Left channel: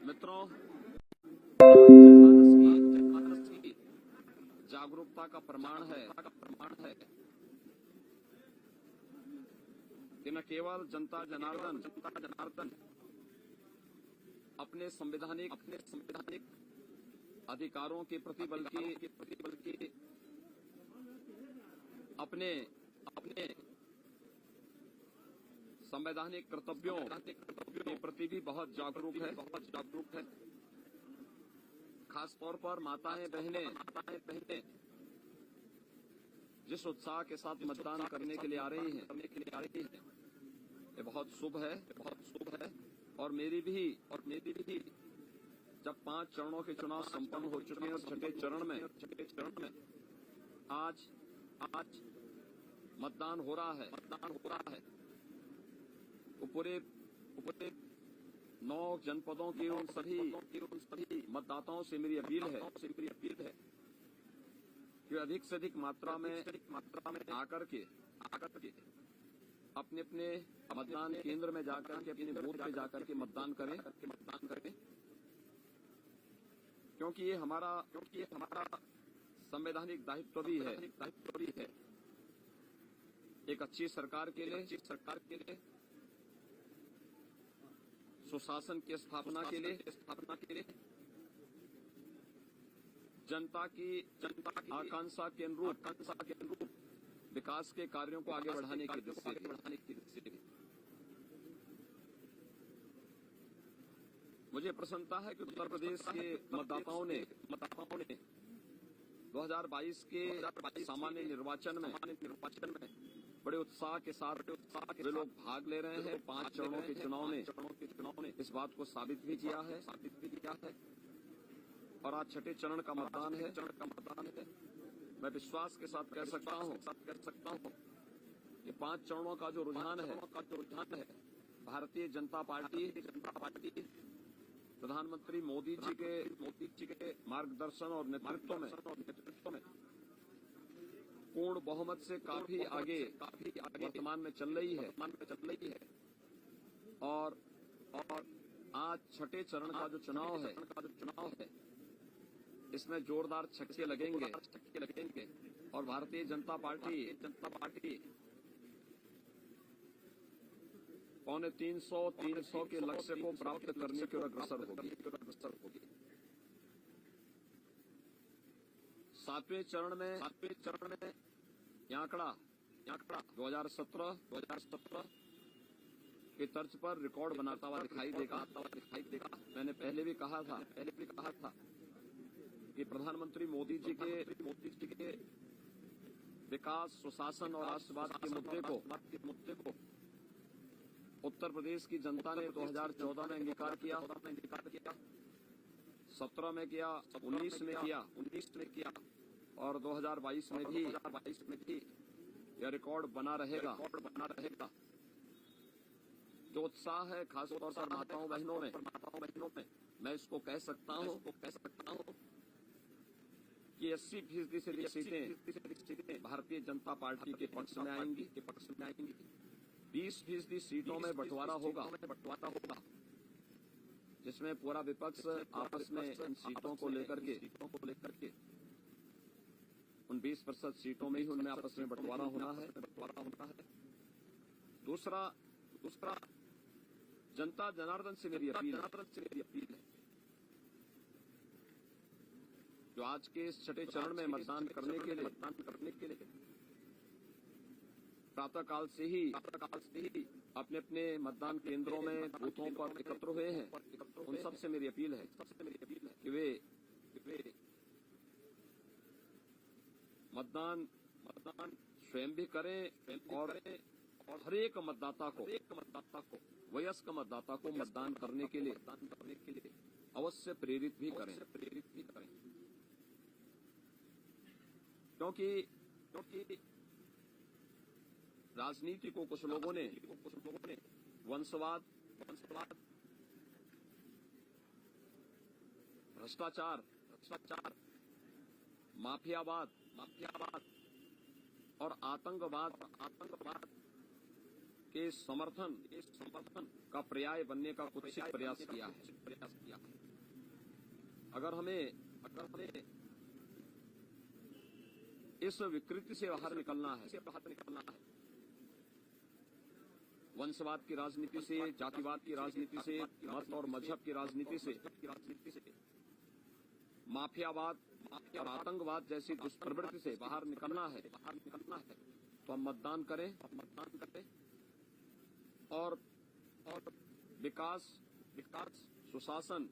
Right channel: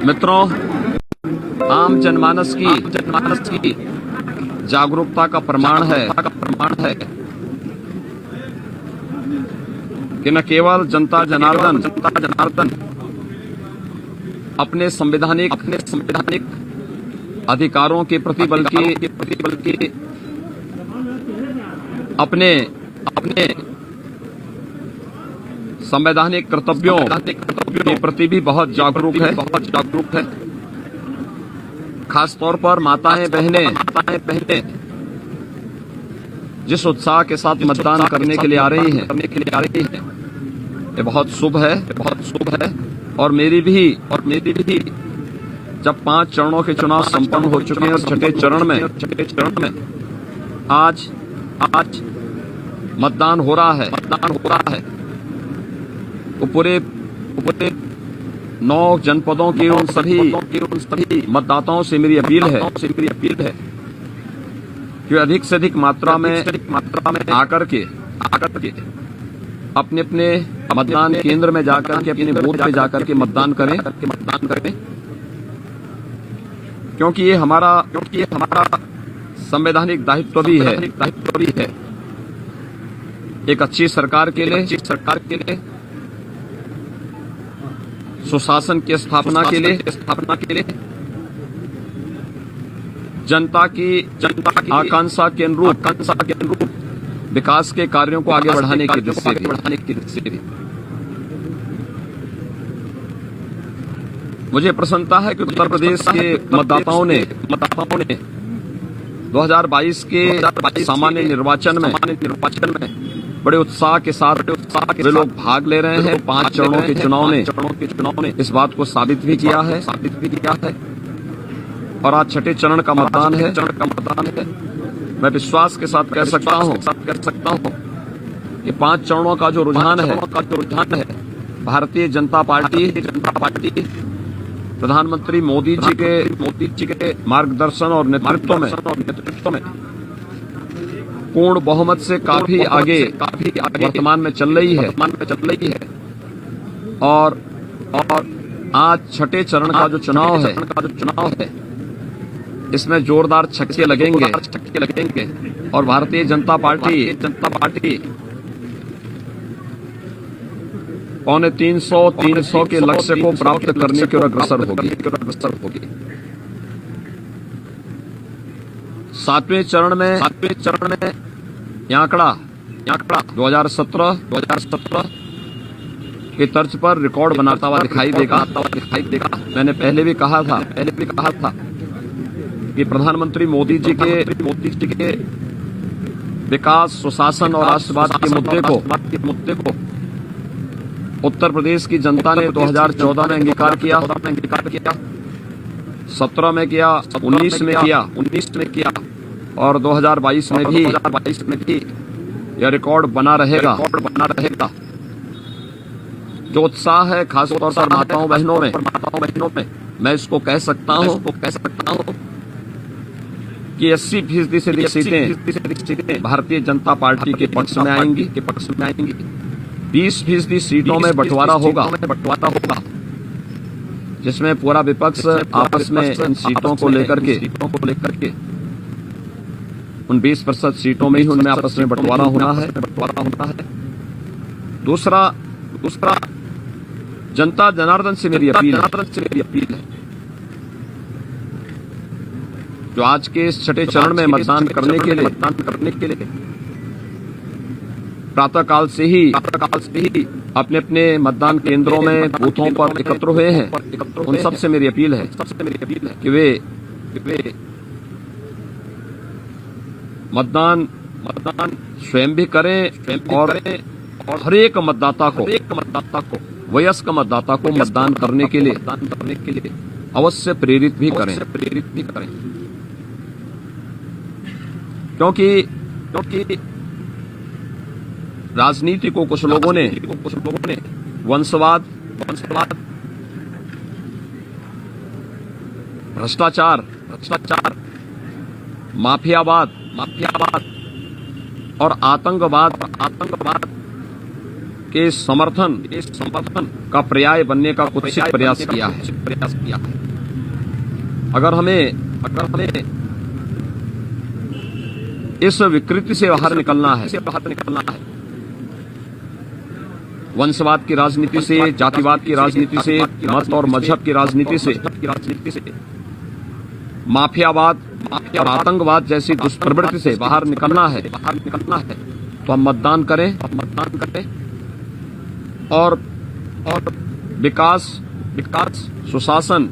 मित्रों, आम जनमानस की जागरूकता का प्रमाण है कि न केवल जनता जनार्दन अपने संवैधानिक अधिकारों के प्रति बल्कि अपने संवैधानिक कर्तव्यों के प्रति भी बहुत जागरूक है। खास तौर पर माताएं बहनें जिस उत्साह के साथ मतदान करने के लिए आ रही हैं, ये बहुत शुभ है। और मेरी भी जब 5 चरणों के चुनाव संपन्न हो चुके हैं, छठे चरण में आज मतदान हो रहा है। तो पूरे 9 जनपदों के उन सभी मतदाताओं से मेरी अपील है कि अधिक से अधिक मात्रा में आकर के अपने मतदान केंद्र में जाकर के अपने बूथ पे जाकर के मतदान करें, क्योंकि ये हमारा संवैधानिक दायित्व भी है। एक अच्छी सरकार के लिए सुशासन की स्थापना के लिए जनता की आकांक्षा के अनुरूप विकास के कार्यों को आगे बढ़ाने की दृष्टि से मुझे प्रसन्नता है कि उत्तर प्रदेश के मतदाताओं ने 2022 के सामान्य निर्वाचन में बड़े उत्साह के साथ वे लोग भाग ले रहे हैं। 5 चरणों के चुनाव ने इस बात को साबित भी किया है। और आज छठे चरण का मतदान है। मैं विश्वास के साथ कह सकता हूं कि 5 चरणों का जो रुझान है भारतीय जनता पार्टी प्रधानमंत्री मोदी जी के मार्गदर्शन और नेतृत्व में पूर्ण बहुमत से काफी आगे वर्तमान में चल रही है। और आज छठे चरण का जो चुनाव है इसमें जोरदार छक्के लगेंगे और भारतीय जनता पार्टी 300 के लक्ष्य को प्राप्त करने की ओर अग्रसर होगी। 7वें चरण में यह आंकड़ा 2017 के तर्ज पर रिकॉर्ड बनाता हुआ दिखाई देगा। मैंने पहले भी कहा था कि प्रधानमंत्री मोदी जी के विकास, सुशासन और राष्ट्रवाद के मुद्दे को उत्तर प्रदेश की जनता ने 2014 में अंगीकार किया, 17 में किया, 19 में किया और 2022 में भी यह रिकॉर्ड बना रहेगा। जो उत्साह है खासतौर पर माताओं बहनों में मैं इसको कह सकता हूं कि 80% से अधिक सीटें भारतीय जनता पार्टी के पक्ष में आएंगी। 20% सीटों में बंटवारा होगा, जिसमें पूरा विपक्ष आपस में इन सीटों को लेकर के उन 20% सीटों में ही उनमें आपस में बंटवारा होना है। दूसरा जनता जनार्दन से मेरी अपील है जो आज के इस छठे चरण में मतदान करने के लिए प्रातःकाल से ही अपने मतदान केंद्रों में बूथों पर एकत्र हुए हैं। उन सब से मेरी अपील है कि वे मतदान स्वयं भी करें और हर एक मतदाता को वयस्क मतदाता को मतदान करने के लिए अवश्य प्रेरित भी करें। क्योंकि राजनीति को कुछ लोगों ने वंशवाद, भ्रष्टाचार, माफियावाद और आतंकवाद के समर्थन का पर्याय बनने का कुत्सित प्रयास किया है। अगर हमें इस विकृति से बाहर निकलना है, वंशवाद की राजनीति से, जातिवाद की राजनीति से, मत और मजहब की राजनीति से, माफियावाद और आतंकवाद जैसी दुष्प्रवृत्ति से बाहर निकलना है तो हम मतदान करें और विकास, सुशासन,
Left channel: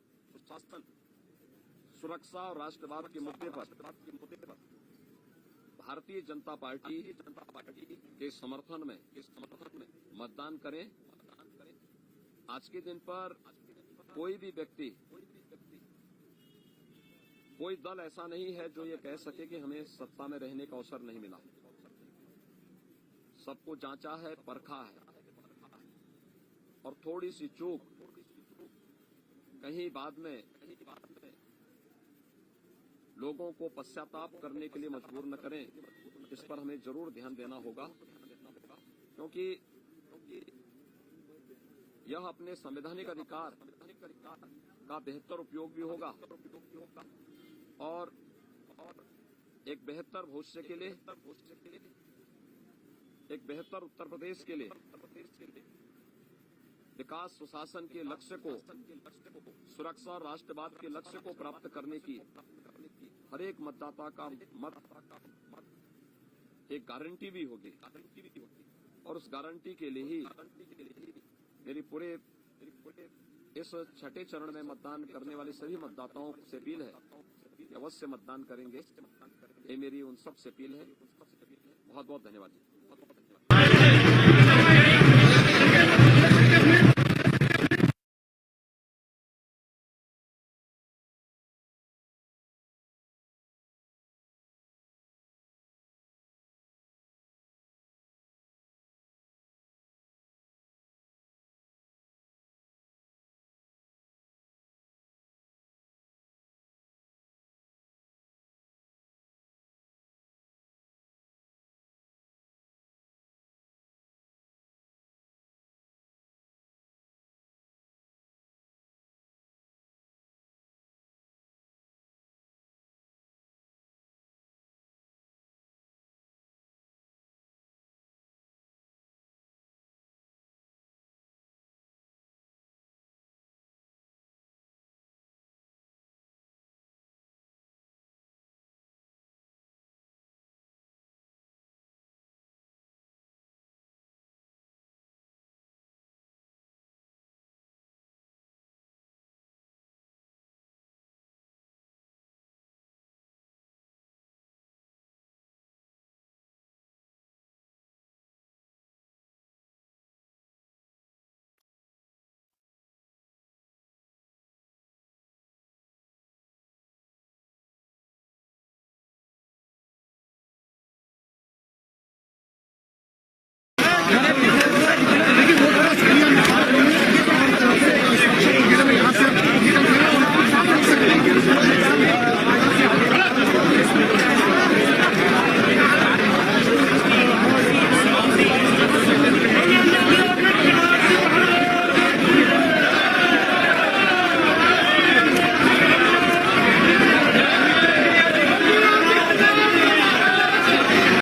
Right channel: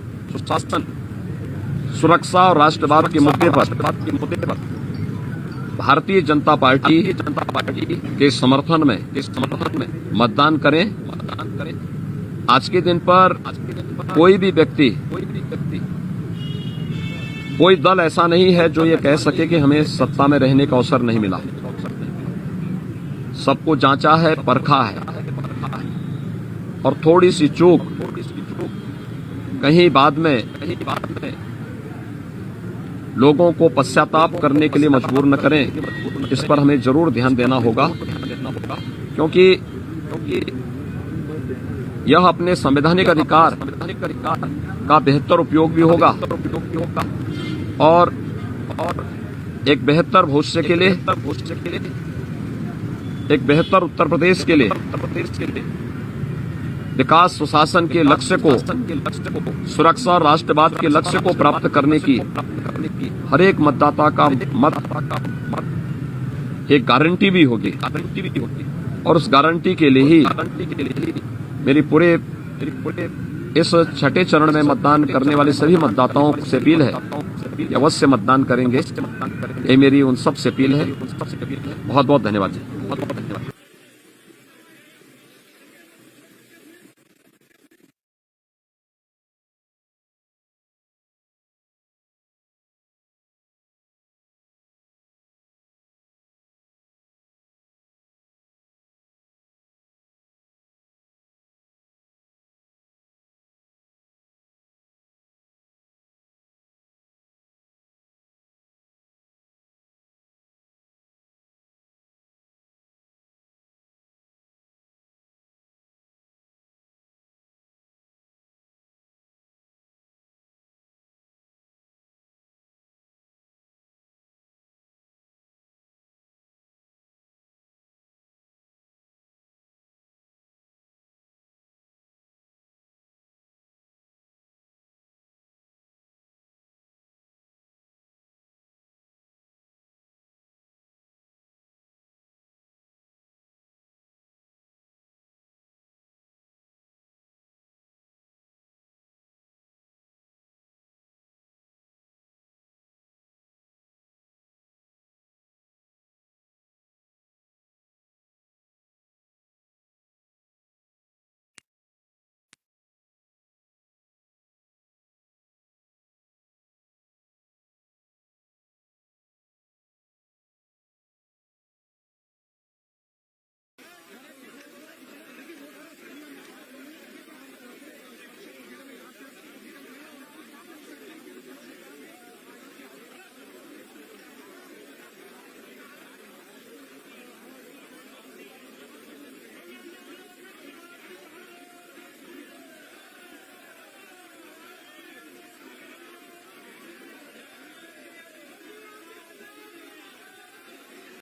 सुरक्षा और राष्ट्रवाद के मुद्दे पर भारतीय जनता पार्टी के समर्थन में मतदान करें। आज के दिन पर कोई भी व्यक्ति, कोई दल ऐसा नहीं है जो ये कह सके कि हमें सत्ता में रहने का अवसर नहीं मिला। सबको जांचा है, परखा है, और थोड़ी सी चूक कहीं बाद में लोगों को पश्चाताप करने के लिए मजबूर न करें। इस पर हमें जरूर ध्यान देना होगा, क्योंकि यह अपने संवैधानिक अधिकार का बेहतर उपयोग भी होगा और एक बेहतर भविष्य के लिए, एक बेहतर उत्तर प्रदेश के लिए, विकास सुशासन के लक्ष्य को, सुरक्षा और राष्ट्रवाद के लक्ष्य को प्राप्त करने की हर एक मतदाता का मत एक गारंटी भी होगी। और उस गारंटी के लिए ही मेरी पूरे इस छठे चरण में मतदान करने वाले सभी मतदाताओं से अपील है कि अवश्य मतदान करेंगे। ये मेरी उन सब से अपील है। बहुत बहुत धन्यवाद जी।